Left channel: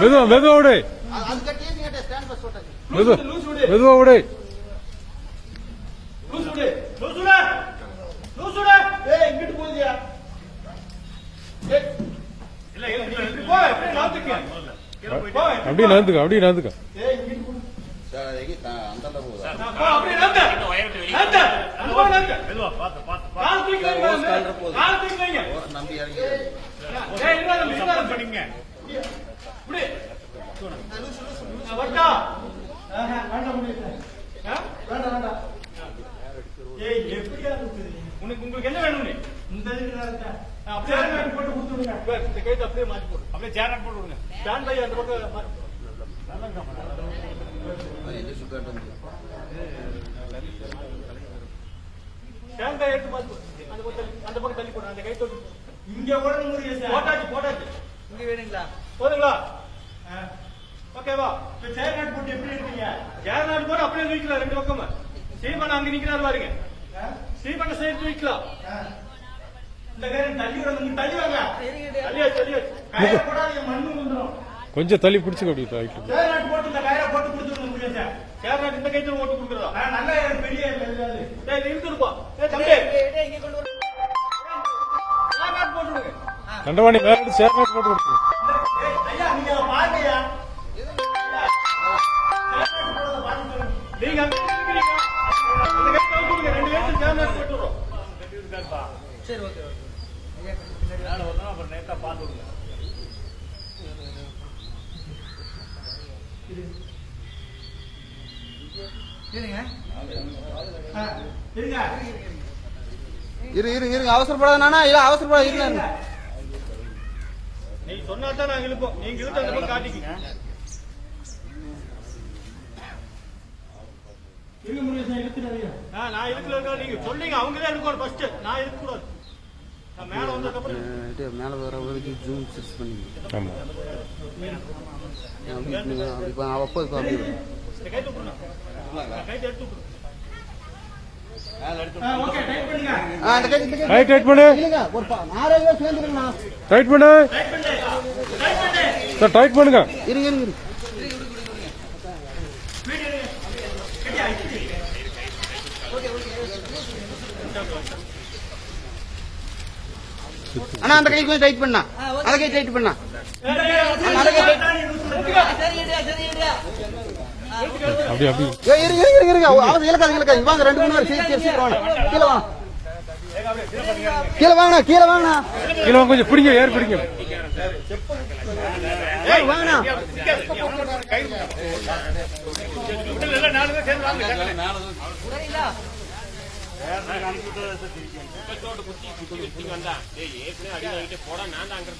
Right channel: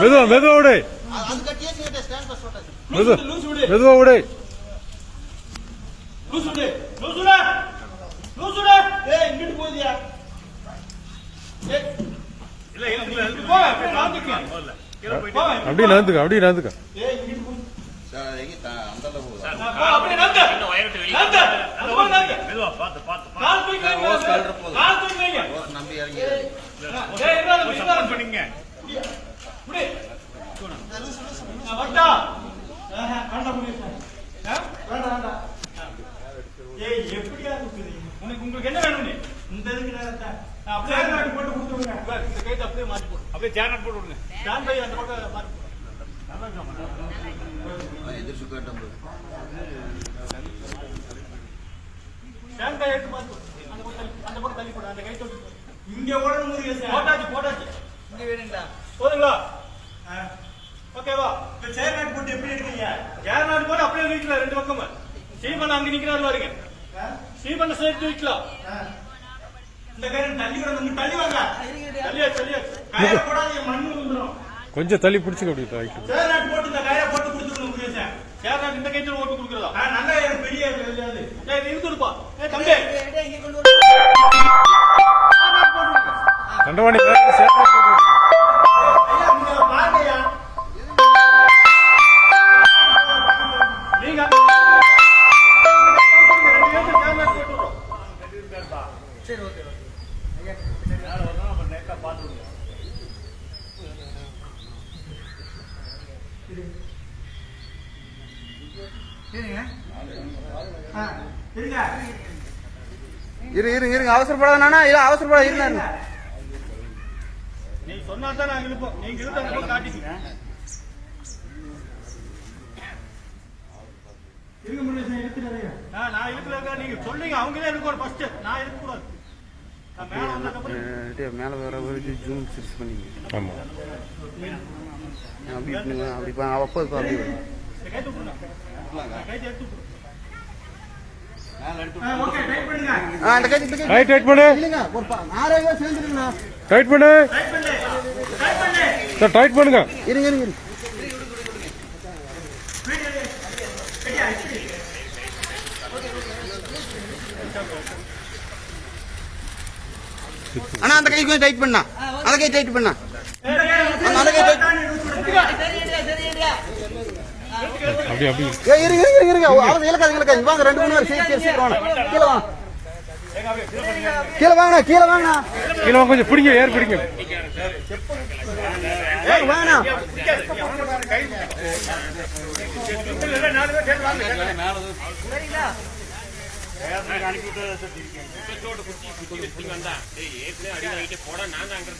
மெதுவா மெதுவா விடு, மெதுவா விடு. அப்படியே நகர்ந்துக்க, அப்படியே நகர்ந்துக்க. உங்களுக்கு என்ன வேணும்? இந்த அப்படியே போட்டு கொடுத்துருங்க. இந்த கைட்டு அப்படியே மாற்றி போட்டு அப்படியே ஜாக்கெட் போட்டு விடுங்க. ஜான் கை அந்த பக்கம் ஜான் கை எடுத்து பார்த்து அந்த பக்கம் தள்ளி போடு. அந்த கை தொட்டு இங்க ஓடணும் முடியும் சார். போட்டாச்சு போட்டாச்சு. இங்க வேணுங்களா? போதுங்களா? ஓகேவா? இந்த சேர்நாட் போட்டு எப்படி எடுக்கிறீங்க? சேர்நாட் போட்டு அப்படியே நிக்கலாம் ரெண்டு பக்கமும். சீமன் அங்க நிக்கிறாரு பாருங்க. சீமனை சேர்த்து வைக்கலாம். இந்த கையில தள்ளி விட தள்ளி வாங்க. தள்ளியா தள்ளியா கையில போடாதீங்க, மண்ணு வந்துடும். கொஞ்சம் தள்ளி பிடிச்சுக்க. அப்படி சேர்நாட் போட்டு இந்த கையில போட்டு கொடுத்துருங்க முடியும் சார். சேர்நாட் இந்த கையில போட்டு கொடுக்குறதா? நல்ல பெரிய வெளியாது. இருக்குதுப்பா. தம்பி இங்க கொண்டு வந்து சேர்நாட் போட்டு கண்டவாணி சேர்நாட் போட்டு கொடுத்து ஐயா நீங்க பாருங்கயா. நீங்க சரி ஓகே இருங்க அவசரப்படாதானா? இல்ல அவசரப்படாத இருங்க. நீங்க சொன்னாதான் நாங்க இழுப்போம். நீங்க இழுத்த காட்டிக்க இருங்க முடியும். நான் இழுக்கல. நீங்க சொன்னீங்க அவங்களே இருக்கணும் ஃபர்ஸ்ட். நான் இருக்க கூடாது. நான் மேல வந்ததுக்கப்புறம் மேல வர ஒரு ஜூம் ஃபிக்ஸ் பண்ணி. ஆமா அப்படி அப்போது பாருங்க. கைட்டு போடுங்க. கைட்டு எடுத்து போடுங்க. ஓகே டைட் பண்ணுங்க. அந்த கைட்டு டைட் பண்ணு. இல்லங்க ஒரு 6 பேர் சேர்ந்துருங்க. டைட் பண்ணு. டைட் பண்ணு. டைட் பண்ணு. சார் டைட் பண்ணுங்க. இருங்க. அண்ணா அந்த கை கொஞ்சம் டைட் பண்ணா. அந்த கை டைட் பண்ணா. அப்படி அப்படி இருங்க. அவங்க இலக்காது. வாங்க 2 3 பேர் சீக்கிரம் வாங்க. கீழே வாங்க. கீழே வாங்க கொஞ்சம் பிடிங்க. ஏர் பிடிங்க. வாங்கண்ணா. போட நான் அங்க